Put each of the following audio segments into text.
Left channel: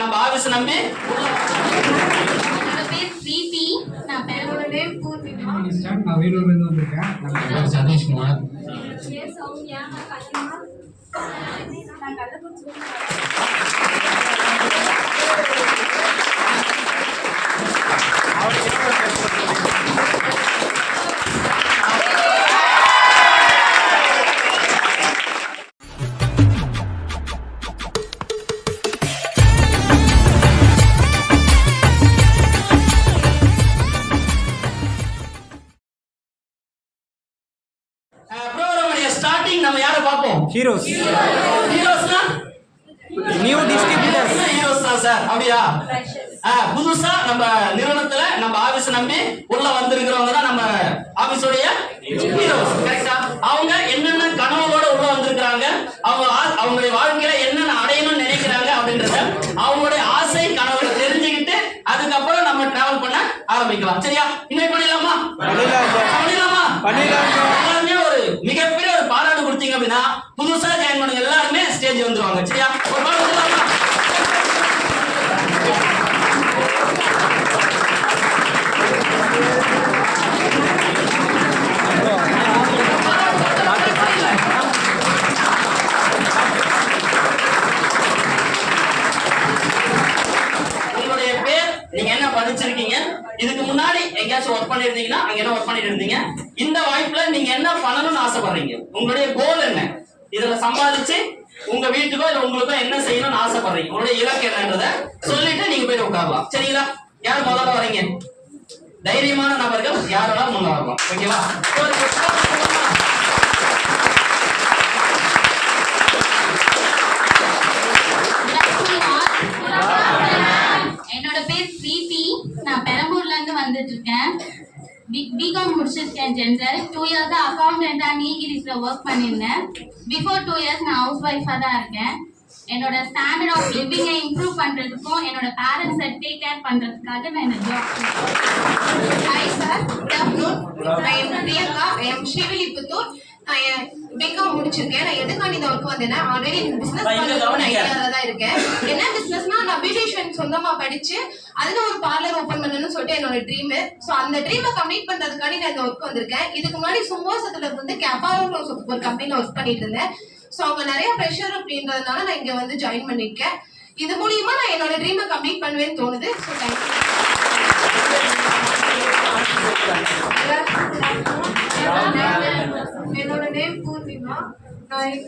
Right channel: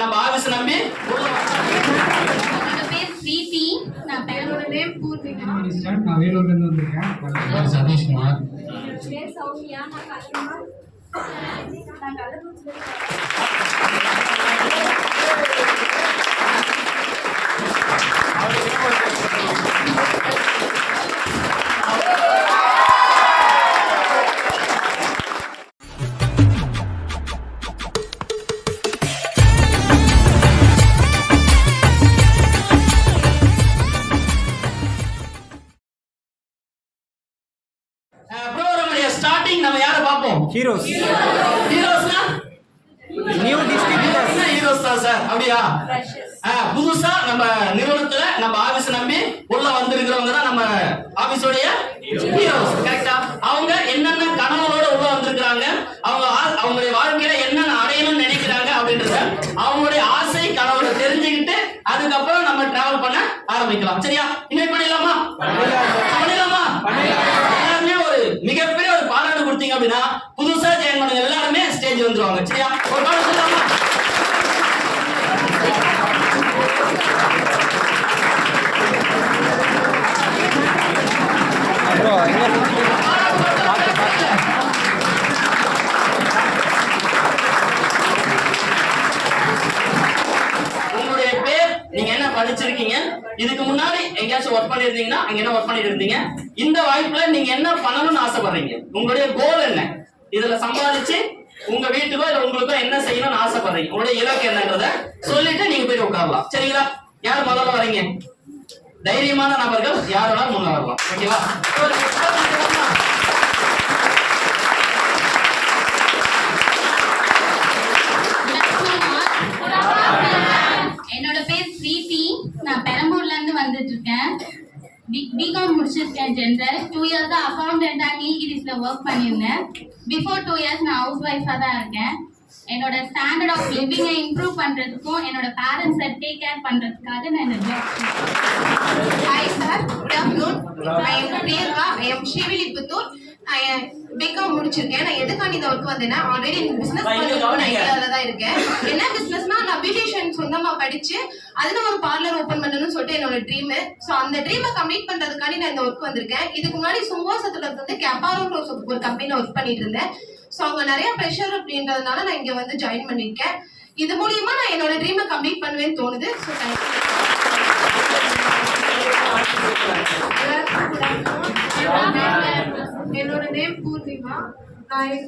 நம்ம ஆபீஸ் நம்பி என்னோட பேர் பிரீத்தி. நான் என்னோட நேம் பூர்ணிகா. நான் வேலூர்ல இருந்து வந்திருக்கேன். சதீஷ்குமார். பேர் சௌமியா. நான் கல்யாணம். நான் கள்ளக்குறிச்சியில ஸ்டார்டிங் நம்ம யாரை பார்ப்போம்? ஹீரோஸ். ஹீரோஸ்னா நியூ டிஸ்ட்ரிபியூட்டர்ஸ். ஹீரோஸ் தான் சார். அப்படியா? புதுசா நம்ம நிறுவனத்துல நம்ம ஆபீஸ் நம்பி உள்ள வந்திருக்கிறவங்க தான் நம்ம ஆபீஸோடைய ஹீரோஸ். கரெக்டா? அவங்க என்னென்ன கனவுகளோட உள்ள வந்திருக்காங்க, அவங்களுடைய வாழ்க்கையில என்னென்ன அடையணும்னு நினைக்கிறாங்க அப்படின்றத அவங்களுடைய ஆசை கனவுகளை தெரிஞ்சுக்கிட்டு அதுக்கப்புறம் நம்ம டிராவல் பண்ண ஆரம்பிக்கலாம். சரியா? இன்வைட் பண்ணிடலாமா? பண்ணிடலாமா? எல்லாருமே ஒரு மிகப்பெரிய ஒரு பாராட்டு கொடுத்தீங்க அப்படின்னா புதுசா ஜாயின் பண்ணவங்க எல்லாருமே ஸ்டேஜ் வந்துருவாங்க. சரியா? ஒரு பாராட்டு சொல்லலாமா? உங்களுடைய பேர், நீங்க என்ன படிச்சிருக்கீங்க, இதுக்கு முன்னாடி எங்கேயாச்சும் ஒர்க் பண்ணிருந்தீங்கன்னா அங்க என்ன ஒர்க் பண்ணிட்டு இருந்தீங்க, இந்த வாய்ப்புல நீங்க என்ன பண்ணணும்னு ஆசைப்படுறீங்க, உங்களுடைய கோல் என்ன, இதுல சம்பாதிச்சு உங்க வீட்டுக்கோ இல்ல உங்களுக்கோ என்ன செய்யணும்னு ஆசைப்படுறீங்க, உங்களுடைய இலக்கு என்னன்றத சொல்லிட்டு நீங்க போய் உட்காரலாம். சரிங்களா? யார் முதல்ல வரீங்க? தைரியமான நபர்கள் யாரோட முன்ன வரலாம். ஓகேவா? என்னோட பேர் பிரீத்தி. நான் பெரம்பூர்ல இருந்து வந்துட்டு இருக்கேன். பிகாம் முடிச்சிருக்கேன் ஜெனரல். 2 இயர்ஸ் அக்கௌண்டன்டா நீல்கிரிஸ்ல ஒர்க் பண்ணியிருந்தேன். பிஃபோர் 2 இயர்ஸ் நான் ஹவுஸ் ஒய்ஃபா தான் இருக்கேன். என்னோட ஸ்டாண்டர்ட் ஆஃப் லிவிங்கை இம்ப்ரூவ் பண்றதுக்கும் என்னோட பேரண்ட்ஸை டேக் கேர் பண்றதுக்காக நான் இந்த job. Hi sir, good afternoon. I am Priyanka. I am Srivilliputhur. நான் பிகாம் முடிச்சிருக்கேன். நான் எதுக்காண்டி இந்த ஒர்க் வந்தேன்னா, ஆல்ரெடி பிசினஸ் பண்ணணும்னு ஐடியால தான் இருக்கேன். என்ன பிசினஸ்னா, நான் பியூட்டிஷியன் சொந்தமா படிச்சு அதுல ஒரு பார்லர் ஓபன் பண்ணணும்னு சொல்லிட்டு என்னோட ட்ரீம். ஸோ அந்த ட்ரீமை கம்ப்ளீட் பண்றதுக்காண்டி நான் இந்த ஒர்க் வந்திருக்கேன். இதுக்கு முன்னாடி சும்போசத்துல இருந்து கேப்பாரோ ஒரு கம்பெனில ஒர்க் பண்ணிட்டு இருந்தேன். ஸோ அவங்க நிறைய ப்ரெஷர் அப்படின்றதுனால நான் இங்க வந்து ஜாயின் பண்ணிருக்கேன். இது மூலியமா நான் என்னோட ட்ரீமை கம்ப்ளீட் பண்ணுவேன்னு தோணுது. ஸோ என்னோட நேம் பூர்ணிமா.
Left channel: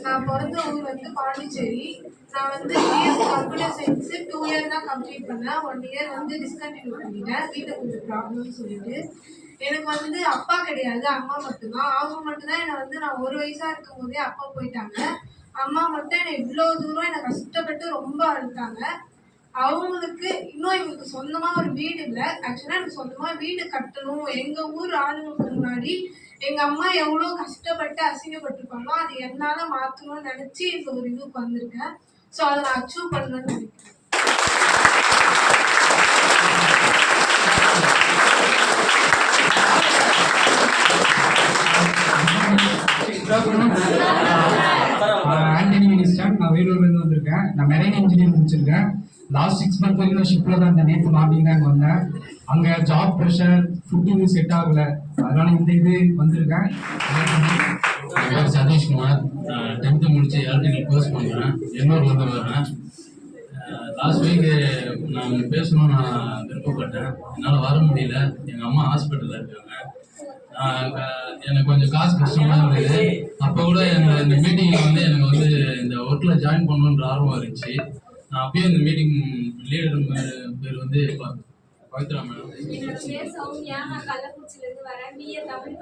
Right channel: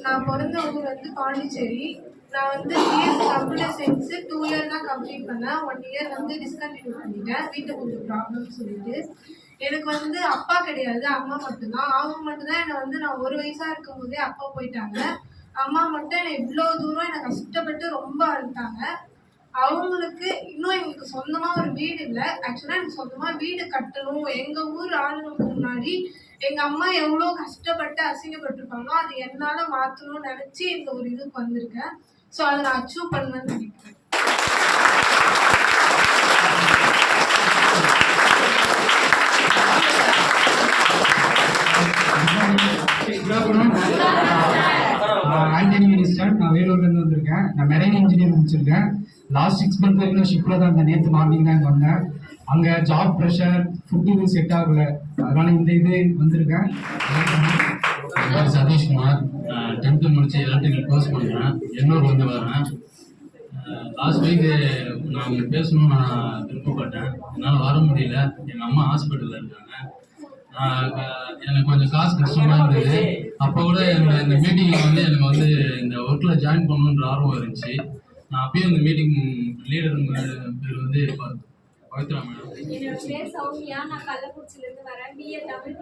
நான் பிறந்த ஊர் வந்து பாண்டிச்சேரி. நான் வந்து பிஎஸ் கம்ப்யூட்டர் சயின்ஸ் 2 இயர் தான் கம்ப்ளீட் பண்ணேன். 1 இயர் வந்து டிஸ்கண்டினியூ பண்ணிட்டேன். வீட்டில் கொஞ்சம் ப்ராப்ளம்னு சொல்லிட்டு. எனக்கு வந்து அப்பா கிடையாது, அம்மா மட்டும்தான். அவங்க மட்டும்தான் என்னை வந்து நான் 1 வயசா இருக்கும் போதே அப்பா போயிட்டாங்க. அம்மா மட்டும் என்னை இவ்வளோ தூரம் என்னை கஷ்டப்பட்டு ரொம்ப அழுத்தாங்க. அவங்களுக்கு இன்னும் எங்களுக்கு சொந்தமா ஒரு வீடு இல்லை. ஆக்சுவலா எனக்கு சொந்தமா வீடு கட்டணும். எங்க ஊர் ஆளுங்களுக்கு முன்னாடி எங்க அம்மா எவ்வளோ கஷ்டப்பட்டு அசிங்கப்பட்டிருப்பாங்களோ அது என்னால மாற்றணும்னு நினைச்சு இந்த ஒரு இதுக்கு வந்திருக்கேன். ஸோ அதை நான் அச்சீவ் பண்ணணும்னு நினைக்கிறேன். ஆண்டனி மினிஸ்டர். நான் வேலூர்ல இருந்து வந்திருக்கேன். நான் மெரைன் இன்ஜினியர் முடிச்சிருக்கேன். லாஸ்ட் 6 மந்த் வரைக்கும் ஷிப்ல தான் இருந்தேன். நேற்று மார்னிங் தான் வந்தேன். அங்கே ஜாப் ப்ரெஷர், ஃபுட் இது செட் ஆகல, அதனால இந்த இது வந்திருக்கேன். சதீஷ்குமார். 10th முடிச்சு எலக்ட்ரிக்கல் கோர்ஸ் பண்ணுறேன். எண்ணூர்ல இருந்து வரேன். லாஸ்ட் வீக் நான் உங்களுக்கு பேசணும்னு நான் விருப்பப்பட்டேன். என்னால் வர முடியல. எங்கள் அம்மா ஹாஸ்பிட்டலில் இருக்காங்க. எனக்கு கொஞ்சம் காசு கஷ்டமாக இருந்தது. அப்போ கூட இந்த மீட்டிங்கில் வந்து எனக்கு வந்து இந்த ஒர்க்கில் ஜாயின் பண்ணணுன்ற ஆர்வம் இருந்துச்சு. நான் அப்பயும் இந்த மீட்டிங் லீடர் பேர் வந்து பவித்ரா மேடம். என்னோட பேர் சௌமியா. நான் கள்ளக்குறிச்சியிலேருந்து வரேன். பிஏ தமிழ்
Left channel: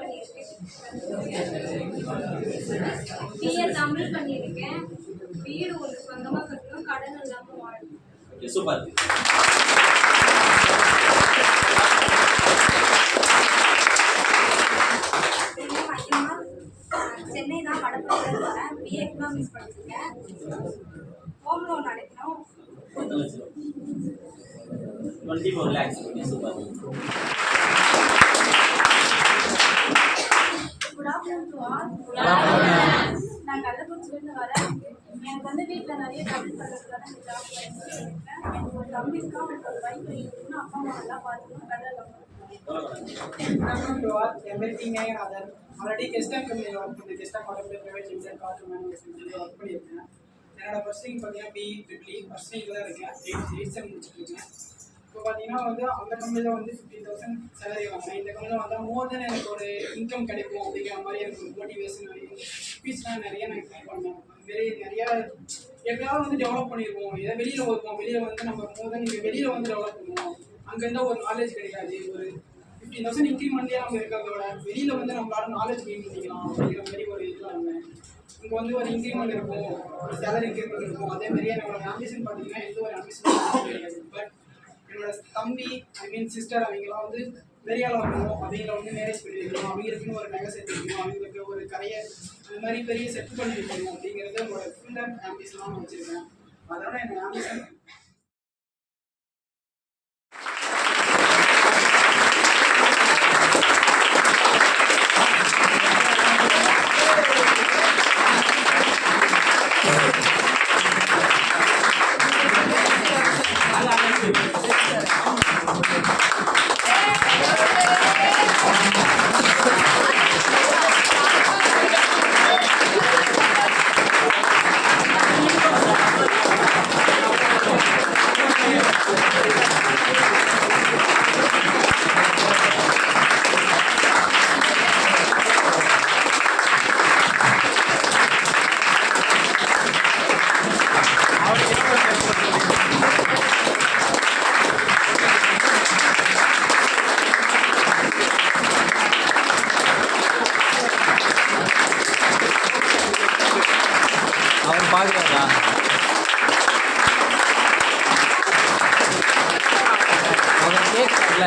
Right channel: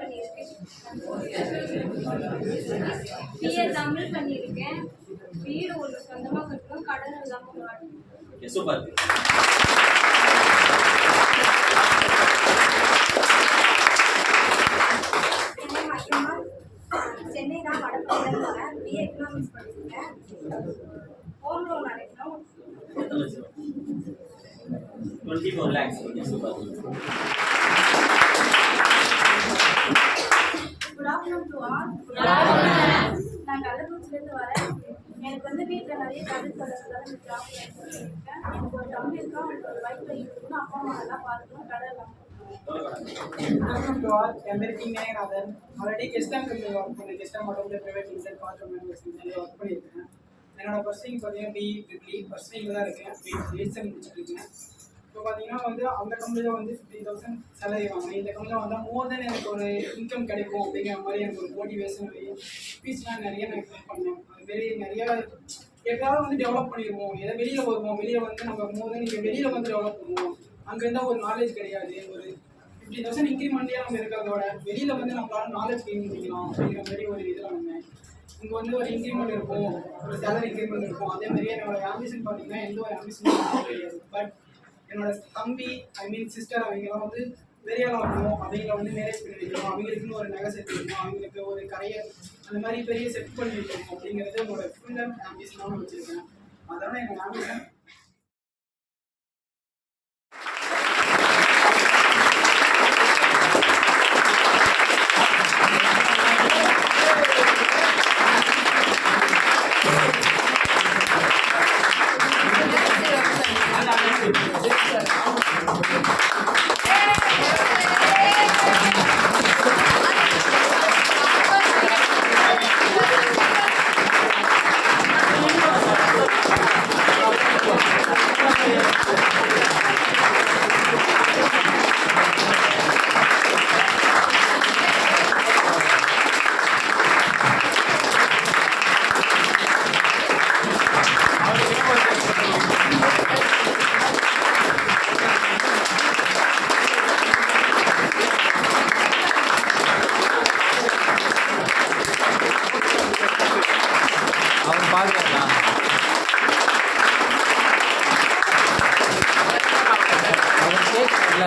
பண்ணியிருக்கேன். வீடு ஒரு சொந்தமாக கட்டணும், கடன் இல்லாமல் வாழணும். சூப்பர். சென்னை தான் வடபழனியில் வரேன். பிஏ எக்கனாமிக்ஸ் படிச்சிருக்கேன். ஹோம் லோன் அடைக்கணும். 24 lakhs. Super. Good afternoon to all. நான் கள்ளக்குறிச்சி கள்ளக்குறிச்சிலேருந்து வரேன். எனக்கு வந்து வீட்டில் நிறைய கடன் இருக்கிறதுனால இந்த ஜாப் இருக்கேன். எனக்கு ஒரு தம்பி இருக்கா, அவனுக்கு ஒரு வைஃப் இருக்கணும், அப்பா அம்மா நல்லா பார்த்துக்கணும், கடன் இல்லாமல். Welcome to all. I am Meriti Nayanathan. Already Kestam company work பண்ணி Kestam Automobile Private Limited car மேனுஃபேக்சரிங்ல ஒர்க் பண்ணியிருக்கேன். என்னோட பர்சனிங் பார்த்தீங்கன்னா BE ட்ரிபிள் பர்சனிங்கில் தான் இருக்கேன். 8 செம் முடிச்சிருக்கேன். இப்போ பார்த்தீங்கன்னா வந்து அந்த கம்பெனியில் வந்து 15,000 சேலரி வாங்கினேன். இந்த கம்பெனியில் வந்தால் மோர் தென் எனக்கு ஒரு இன்கம் கிடைக்கும் அப்படிங்கிற மாதிரி எனக்கு ஒரு மோட்டிவேஷன் ஸ்பீச்லாம் நிறைய நான் ட்ரை பண்ணேன். அதுமாரி நிறையா எப்படியாவது வந்து டெவலப் பண்ணிடுவோம், ஏதோ வெளியில் வருவோம், வெளியில் வந்து நம்ம மோர் தென் இங்கே வெளியில் வந்து டெவலப் பண்ணுவோம். அங்கே இருந்தால் ஒரு நாலேஜ் கிடையாது, ஒரு 15,000 இன்க்ரிமெண்ட்லேயே நம்ம இருக்கிறதோட வெளியில் வந்து நம்மளால நாலேஜ் கெயின் பண்ணிக்கலாம் அப்படிங்கிற மாதிரி ஒரு இதில் வந்தேன். இங்கே வந்து ஒரு இன்க்ரிமெண்ட் இருக்கும், ஒரு சேலரி இன்க்ரிமெண்ட் இருக்கும். அதே மாதிரி என்னோட ஆம்பிஷன் பார்த்தீங்கன்னா எந்த ஒரு ஆம்பிஷனும் கிடையாது. பட் என்னோட தம்பி சிஸ்டர் அவங்களாம் வந்து பெரிய ஆளாகணும், அவங்கள வந்து மேரேஜ் பண்ணி வைக்கணும், அவங்களுக்குன்னு ஒரு நகை செட் வைக்கணும், அவங்களுக்கு ஒரு கரையர் அந்த மாதிரி பெரிய செட் பண்ணி வைக்கணும் அப்படிங்கிறது என்னோட ஃபுல் டைம் ஆம்பிஷனாக நான் வச்சுருக்கேன். அதனால என்னோட ஆம்பிஷன் அவர் பார்க்குறாரா? அவர் கேட்கல.